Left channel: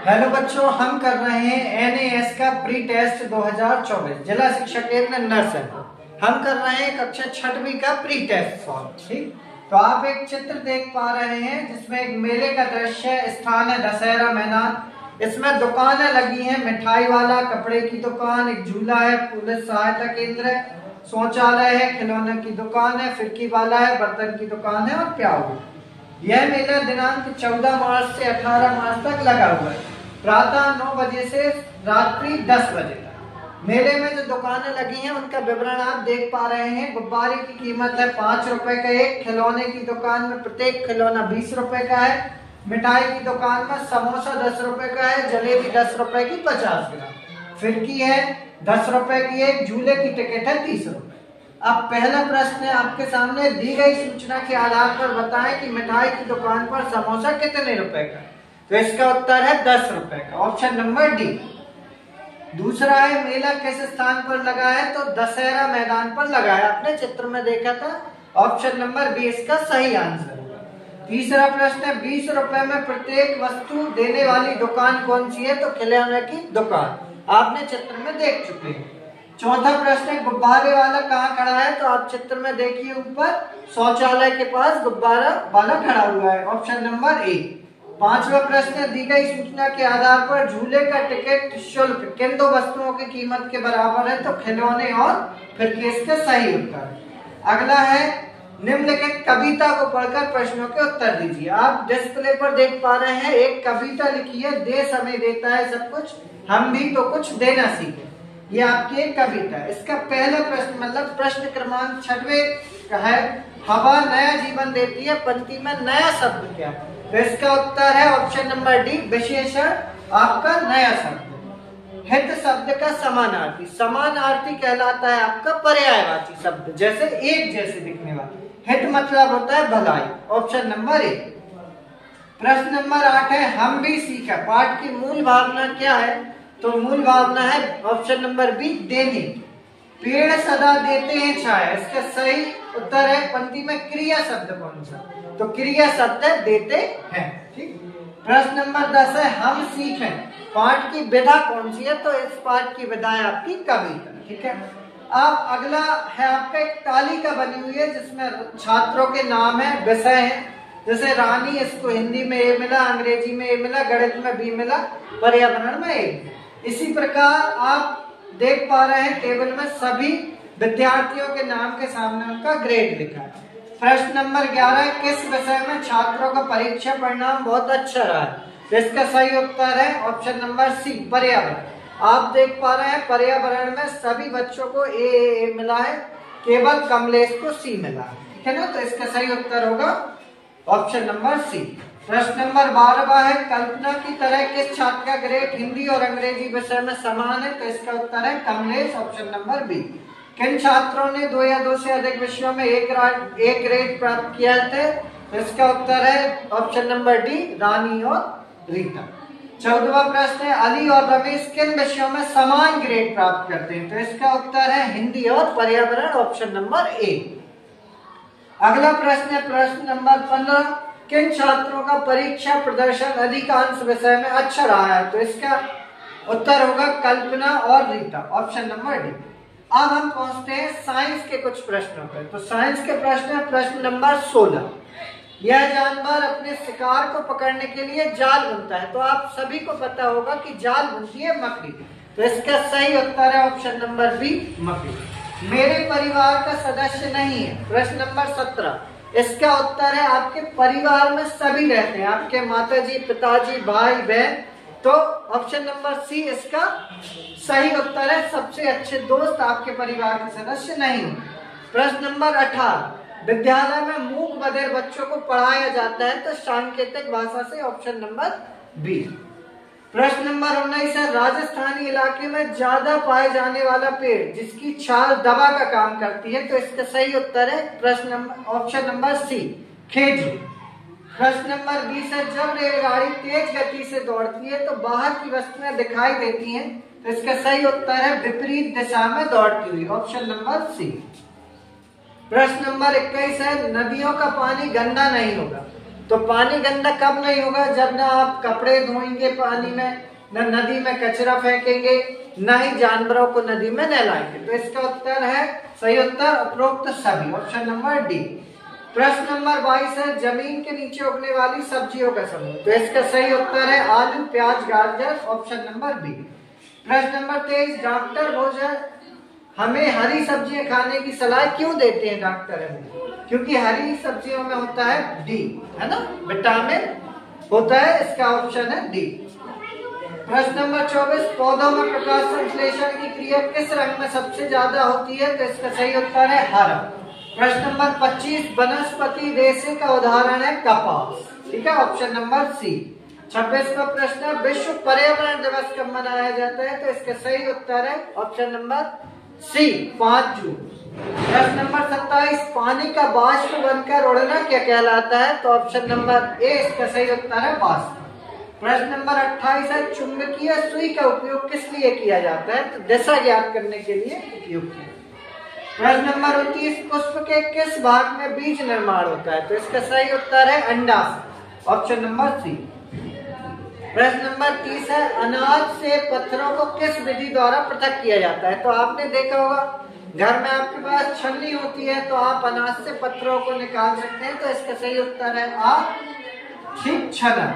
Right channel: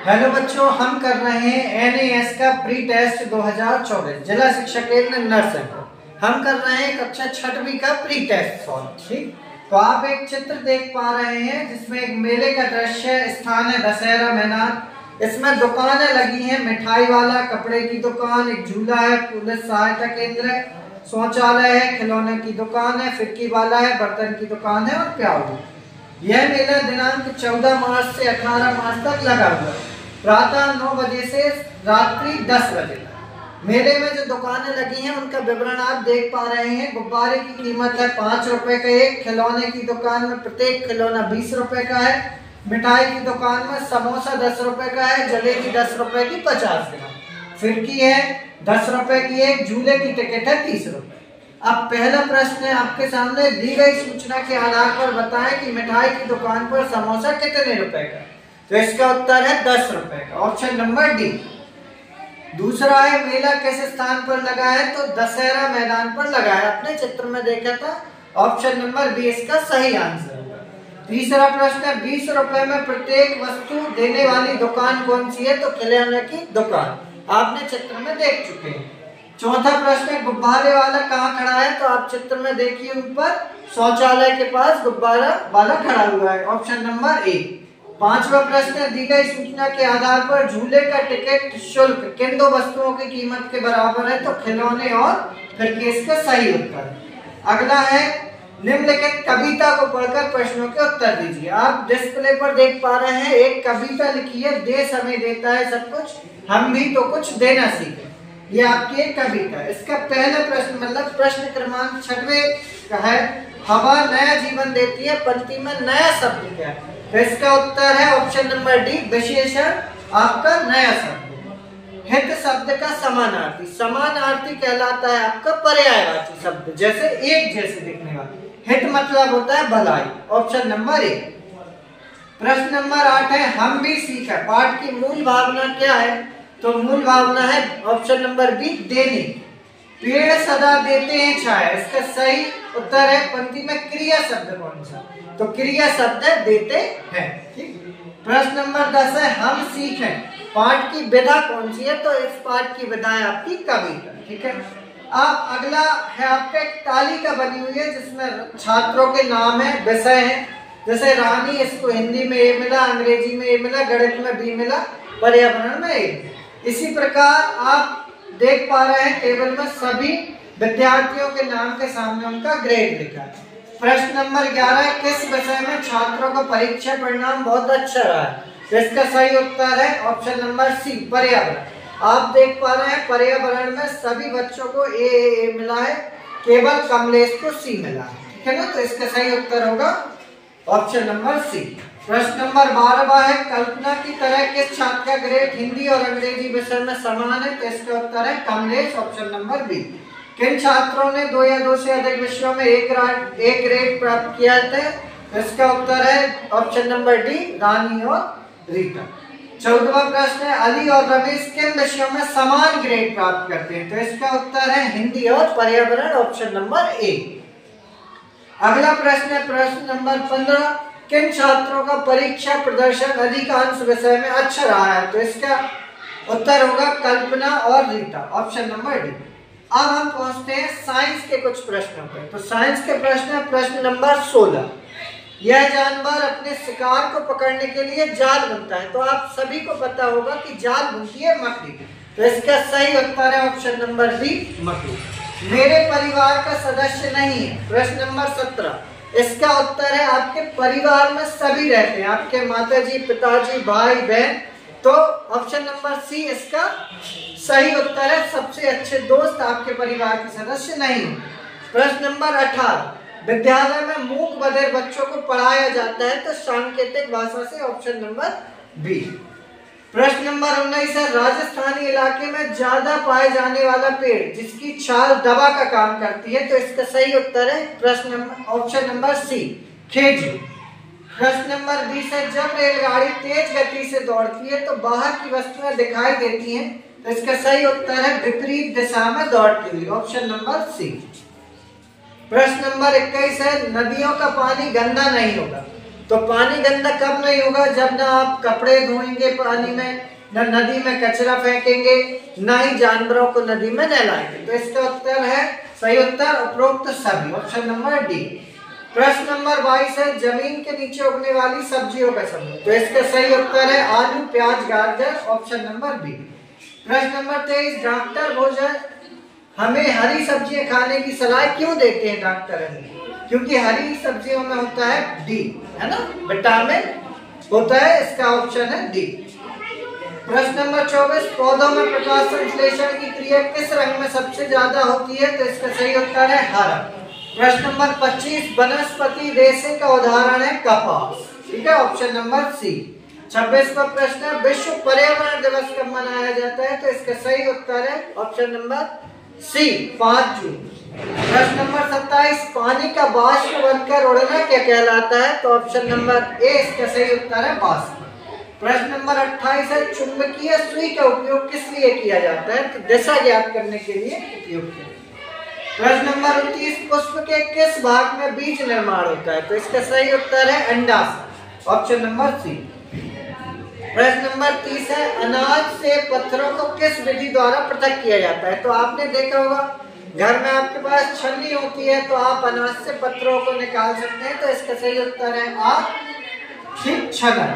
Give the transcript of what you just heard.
Hello बच्चों, हम कर रहे हैं एनएएस का प्री टेस्ट 2024 जिला शिक्षा केंद्र नरसिंहपुर। हम कर रहे हैं कक्षा 6वीं का प्री टेस्ट सॉल्व। ठीक, तो आप एक चित्र देख पा रहे हैं जिसमें एक मेले का दृश्य है। स्थान है दशहरा मैदान। इसमें दुकानें लगी हैं, मिठाई वाला, कपड़े की दुकान, एक झूला है, पुलिस सहायता केंद्र है, शौचालय है, खिलौने की दुकान है, फिरकी वाला है, बर्तन की दुकान है और प्याऊ। यह मेला दिनांक 14 मार्च से 18 मार्च तक लगा हुआ है। प्रातः 9 बजे से रात्रि 10 बजे तक। मेले में जो दुकानें लगी हैं उनका विवरण आप देख पा रहे हैं। गुब्बारे की कीमत है 5 रुपए का एक। खिलौने की दुकान में प्रत्येक खिलौना 20 रुपए का है। मिठाई की दुकान में समोसा 10 रुपए का है, जलेबी 10 रुपए की 50 ग्राम, फिरकी है 10 रुपए की एक, झूले की टिकट है 30 रुपए। अब पहला प्रश्न है आपके सामने, दी गई सूचना के आधार पर बताएं कि मिठाई की दुकान पर समोसा कितने रुपए का। तो इसका उत्तर है 10 रुपए का, ऑप्शन नंबर डी। दूसरा है, मेला किस स्थान पर लगा है। तो दशहरा मैदान पर लगा है, अपने चित्र में देखा था, ऑप्शन नंबर बी इसका सही आंसर होगा। तीसरा प्रश्न है, 20 रुपए में प्रत्येक वस्तु देने वाली दुकान कौन सी है। तो खिलौने की दुकान, आपने चित्र में देख चुके हैं। चौथा प्रश्न है, गुब्बारे वाला कहाँ खड़ा है। तो आप चित्र में देखिए, ऊपर शौचालय के पास गुब्बारा वाला खड़ा हुआ है, ऑप्शन नंबर ए। पांचवा प्रश्न है, दी गई सूचना के आधार पर झूले का टिकट शुल्क किन दो वस्तुओं की कीमत के बराबर है। तो खिलौने और फिरकी इसका सही उत्तर। अगला है, निम्नलिखित कविता को पढ़कर प्रश्नों के उत्तर दीजिए। आप डिस्प्ले पर देख पा रहे हैं, एक कविता लिखी है, देश हमें देता है सब कुछ, हम भी तो कुछ देना सीखे। ये आपकी एक कविता है। इसका पहला प्रश्न मतलब प्रश्न क्रमांक 6वें का है, हवा नया जीवन देती है, पंक्ति में नया शब्द क्या है। तो इसका उत्तर है ऑप्शन नंबर डी, विशेषण आपका नया शब्द। हित शब्द का समानार्थी, समानार्थी कहलाता है आपका पर्यायवाची शब्द, जैसे एक जैसे दिखने वाला। हित मतलब होता है भलाई, ऑप्शन नंबर ए। प्रश्न नंबर 8 है, हम भी सीखा, पाठ की मूल भावना क्या है। तो मूल भावना है ऑप्शन नंबर बी, देने। पेड़ सदा देते हैं छाया, इसका सही उत्तर है, पंक्ति में क्रिया शब्द कौन सा। तो क्रिया शब्द है देते हैं। ठीक। प्रश्न नंबर 10 है, हम सीखें, पाठ की विधा कौन सी है। तो इस पाठ की विधा है आपकी कविता। ठीक है। अब अगला है आपका एक तालिका बनी हुई है जिसमें छात्रों के नाम है, विषय है, जैसे रानी, इसको हिंदी में ए मिला, अंग्रेजी में ए मिला, गणित में बी मिला, पर्यावरण में ए। इसी प्रकार आप देख पा रहे हैं टेबल में सभी विद्यार्थियों के नाम के सामने उनका ग्रेड लिखा है। प्रश्न नंबर 11 है, किस विषय में छात्रों का परीक्षा परिणाम बहुत अच्छा रहा है। इसका सही उत्तर है ऑप्शन नंबर सी, पर्यावरण। आप देख पा रहे हैं पर्यावरण में सभी बच्चों को ए मिला है, केवल कमलेश को सी मिला है। ठीक है ना, तो इसका सही उत्तर होगा ऑप्शन नंबर सी। प्रश्न नंबर 12 है, कल्पना की तरह किस छात्र का ग्रेड हिंदी और अंग्रेजी विषय में समान है। तो इसका उत्तर है कमलेश, ऑप्शन नंबर बी। किन छात्रों ने 2 या 2 से अधिक विषयों में एक ग्रेड प्राप्त किया था। तो इसका उत्तर है ऑप्शन नंबर डी, रानी और रीता। 14वां प्रश्न है, अली और रमेश किन विषयों में समान ग्रेड प्राप्त करते हैं। तो इसका उत्तर है हिंदी और पर्यावरण, ऑप्शन नंबर ए। अगला प्रश्न है, प्रश्न नंबर 15, किन छात्रों का परीक्षा प्रदर्शन अधिकांश विषय में अच्छा रहा है। तो इसका उत्तर होगा कल्पना और रीता, ऑप्शन नंबर डी। अब हम पहुंचते हैं साइंस के कुछ प्रश्नों पर। तो साइंस के प्रश्न है, प्रश्न नंबर 16, यह जानवर अपने शिकार को पकड़ने के लिए जाल बुनता है। तो आप सभी को पता होगा कि जाल बुनती है मकड़ी। तो इसका सही उत्तर है ऑप्शन नंबर बी, मकड़ी। मेरे परिवार का सदस्य नहीं है, प्रश्न नंबर 17, इसका उत्तर है आपके परिवार में सभी रहते हैं, आपके माताजी, पिताजी, भाई, बहन। तो ऑप्शन नंबर सी इसका सही उत्तर है, सबसे अच्छे दोस्त आपके परिवार के सदस्य नहीं है। प्रश्न नंबर 18, विद्यालय में मूक बधिर बच्चों को पढ़ाया जाता है। तो सांकेतिक भाषा से, ऑप्शन नंबर बी। प्रश्न नंबर 19 है, राजस्थानी इलाके में ज्यादा पाए जाने वाला पेड़ जिसकी छाल दवा का काम करती है। तो इसका सही उत्तर है प्रश्न नंबर ऑप्शन नंबर सी, खेजू। प्रश्न नंबर 20 है, जब रेलगाड़ी तेज गति से दौड़ती है तो बाहर की वस्तुएं दिखाई देती हैं। तो इसका सही उत्तर है विपरीत दिशा में दौड़ती हुई, ऑप्शन नंबर सी। प्रश्न नंबर 21 है, नदियों का पानी गंदा नहीं होगा। तो पानी गंदा कब नहीं होगा? जब ना आप कपड़े धोएंगे पानी में, न नदी में कचरा फेंकेंगे, न ही जानवरों को नदी में नहलाएंगे। तो इसका उत्तर है, सही उत्तर उपरोक्त सभी, ऑप्शन नंबर डी। प्रश्न नंबर 22 है, जमीन के नीचे उगने वाली सब्जियों का समूह। तो इसका सही उत्तर है आलू, प्याज, गाजर, ऑप्शन नंबर बी। प्रश्न नंबर 23, डॉक्टर भोजन हमें हरी सब्जियां खाने की सलाह क्यों देते हैं डॉक्टर? क्योंकि हरी सब्जियों में होता है डी, है ना, विटामिन होता है, इसका ऑप्शन है डी। प्रश्न नंबर 24, पौधों में प्रकाश संश्लेषण की क्रिया किस रंग में सबसे ज्यादा होती है? तो इसका सही उत्तर है हरा। प्रश्न नंबर 25, वनस्पति रेशे का उदाहरण है कपास, ठीक है, ऑप्शन नंबर सी। 26वां प्रश्न है, विश्व पर्यावरण दिवस कब मनाया जाता है? तो इसका सही उत्तर है ऑप्शन नंबर सी, 5 जून। प्रश्न नंबर 27, पानी का वाष्प बनकर उड़ना क्या कहलाता है? तो ऑप्शन नंबर ए इसका सही उत्तर है वाष्प। प्रश्न नंबर 28 है, चुंबकीय सुई का उपयोग किस लिए किया जाता है? तो दिशा ज्ञात करने के लिए उपयोग किया। प्रश्न नंबर 29, पुष्प के किस भाग में बीज निर्माण होता है? तो इसका सही उत्तर है अंडाशय, ऑप्शन नंबर सी। प्रश्न नंबर 30 है, अनाज से पत्थरों को किस विधि द्वारा पृथक किया जाता है? तो आपने देखा होगा घर में आपके पास छन्नी होती है, तो आप अनाज से पत्थरों को निकाल सकते हैं। तो इसका सही उत्तर है आ, ठीक, छनन।